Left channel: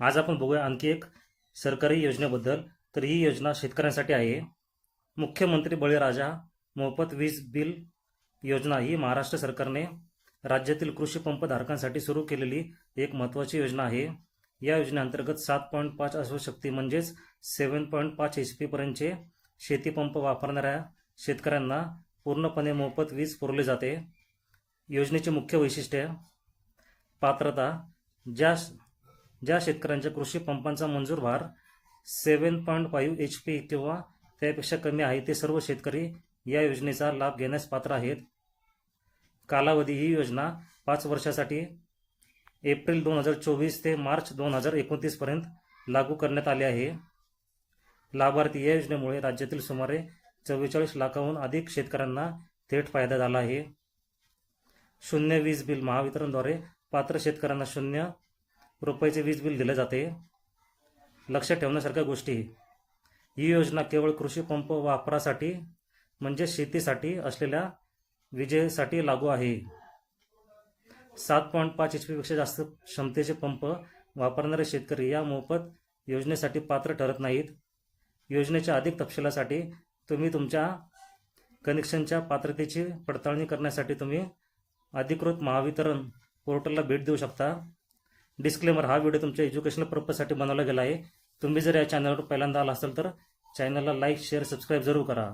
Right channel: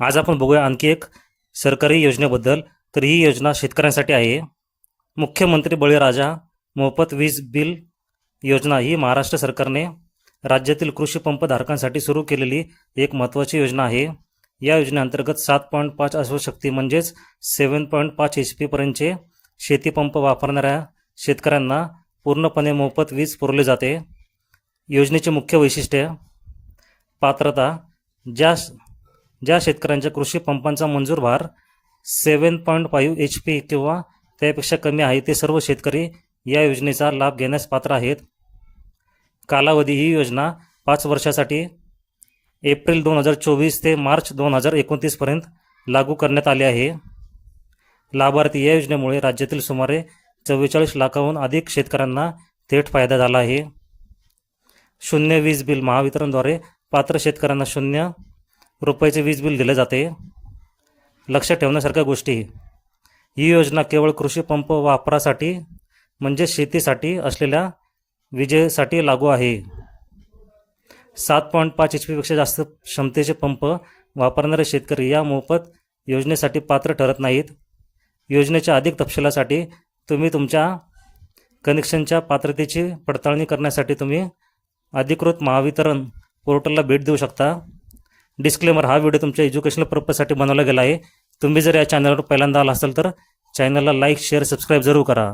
आज आपण बघूया आणखी एक सरकारी योजनेबद्दल. तर ही योजना शेतकऱ्यांसाठी आहे. मुख्यमंत्री बळीराजा मोफत वीज बिल योजना ही महाराष्ट्र सरकारने राज्यातील कृषी पंप धारकांसाठी सुरू केलेली एक महत्त्वाची योजना आहे. या योजनेअंतर्गत 7.5 अश्वशक्ती म्हणजेच 7.5 HP पर्यंतचे शेतीपंप वापरणाऱ्या शेतकऱ्यांना पूर्णपणे मोफत वीज पुरवली जाते. योजनेचे मुख्य वैशिष्ट्य: पात्रता: ज्या शेतकऱ्यांच्या कृषी पंपांचा मंजूर भार 7.5 HP किंवा त्यापेक्षा कमी आहे ते सर्व शेतकरी या योजनेचा लाभ घेण्यास पात्र आहेत. कालावधी: ही योजना 5 वर्षासाठी एप्रिल 2024 ते मार्च 2029 पर्यंत लागू करण्यात आली आहे. लाभार्थी: या योजनेमुळे राज्यातील सुमारे 44 लाखाहून अधिक शेतकऱ्यांना थेट फायदा झाला आहे. शून्य वीज बिल: महावितरणद्वारे पात्र शेतकऱ्यांना 0 रुपयाचे वीज बिल दिले जाते. लक्षात ठेवण्यासारख्या गोष्टी: ही योजना केवळ कृषी पंप वापरासाठी म्हणजे शेतीसाठी असलेल्या विजेसाठी लागू आहे. 7.5 HP पेक्षा जास्त क्षमतेचे पंप वापरणारे शेतकरी या मोफत योजनेसाठी पात्र ठरत नाहीत. योजनेच्या अधिक तपशिलासाठी तुम्ही तुमच्या कनेक्शनच्या पात्रतेची पडताळणी करण्यासाठी तुम्ही अधिकृत महावितरण पोर्टलला भेट देऊ शकता. डिस्क्लेमर: हा व्हिडिओ तुमच्या एज्युकेशनल पर्पजसाठी बनवला गेला आहे. तुम्ही जर या चॅनलवर पहिल्यांदा आला असाल तर चॅनलला लाईक, शेअर, सबस्क्राईब जरूर करा.